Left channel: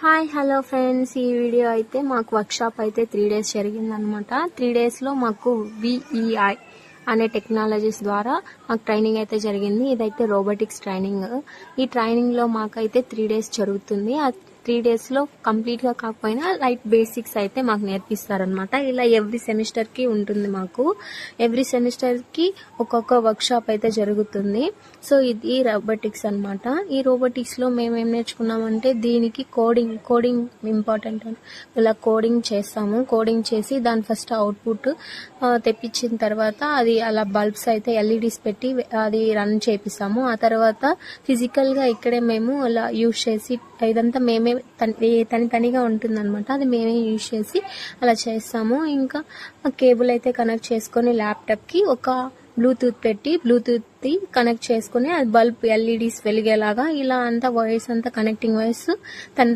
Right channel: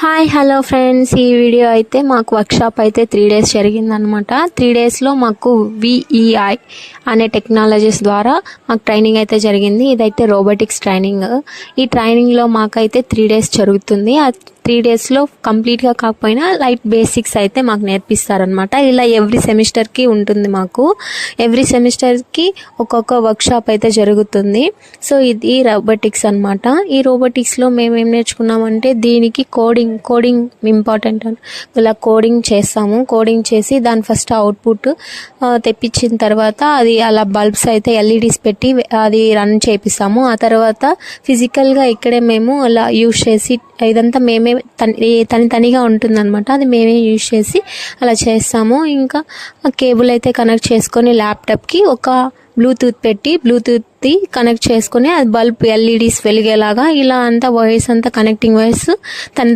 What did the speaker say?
Hi hello friends, ఈ video అయితే మాకు వర్క్షాప్ అయితే 3 days జరిగిందనమాట. 3 daysలో మాకు విఈఐ అనే టెక్నాలజీస్ ద్వారా మాకు ట్రైనింగ్ అయితే జరిగింది. ఇదైతే రోబోటిక్స్ ట్రైనింగ్. ఈ ట్రైనింగ్లో మాకైతే 3 days జరుగుతుంది. ఆ 3 daysలో కంప్లీట్గా కాకపోయినా లైట్ బేసిక్స్ అయితే మాకు నేర్పిస్తారనమాట. ఇలా ఎవ్రీ సెమిస్టర్కి ఉంటుంది. మాకు ఎవ్రీ సెమిస్టర్కి ఒక్కొక్క వర్క్షాప్ అయితే జరుగుతుంది. సో ఇది రోబోటిక్స్ అనమాట. ఈ రోబోటిక్స్లో మేము ఏం నేర్చుకున్నామంటే దీనికి కోడింగ్ ఇంపార్టెంట్ అని ఇలా కోడింగ్ చేస్తాము. కోడింగ్ చేసి దాని ఫస్ట్ అవుట్పుట్ తెప్పించిన తర్వాత అది అలా బల్బ్స్ అయితే ఎల్ఈడీస్ పెట్టి అది రన్ చేపిస్తాము. ఆ తర్వాత ఫిజికల్గా ఇక్కడే మేము అలా యూజ్ చేసి ఇదంతా మేమే తనిగా ఉంటుందన్నమాట. అది మేమే యూజ్ చేసి అలా చేస్తాము. ఇంకా కేబుల్ అయితే కనెక్ట్ చేసుకొని ల్యాప్టాప్కి ఒక బ్లూటూత్ పెట్టి బ్లూటూత్ది కనెక్ట్ చేసుకుని అది బల్బ్ ఎల్ఈడీస్ వెలిగేలాగా ఇలా అంతా వైర్స్ అంతా కనెక్టింగ్ వైర్స్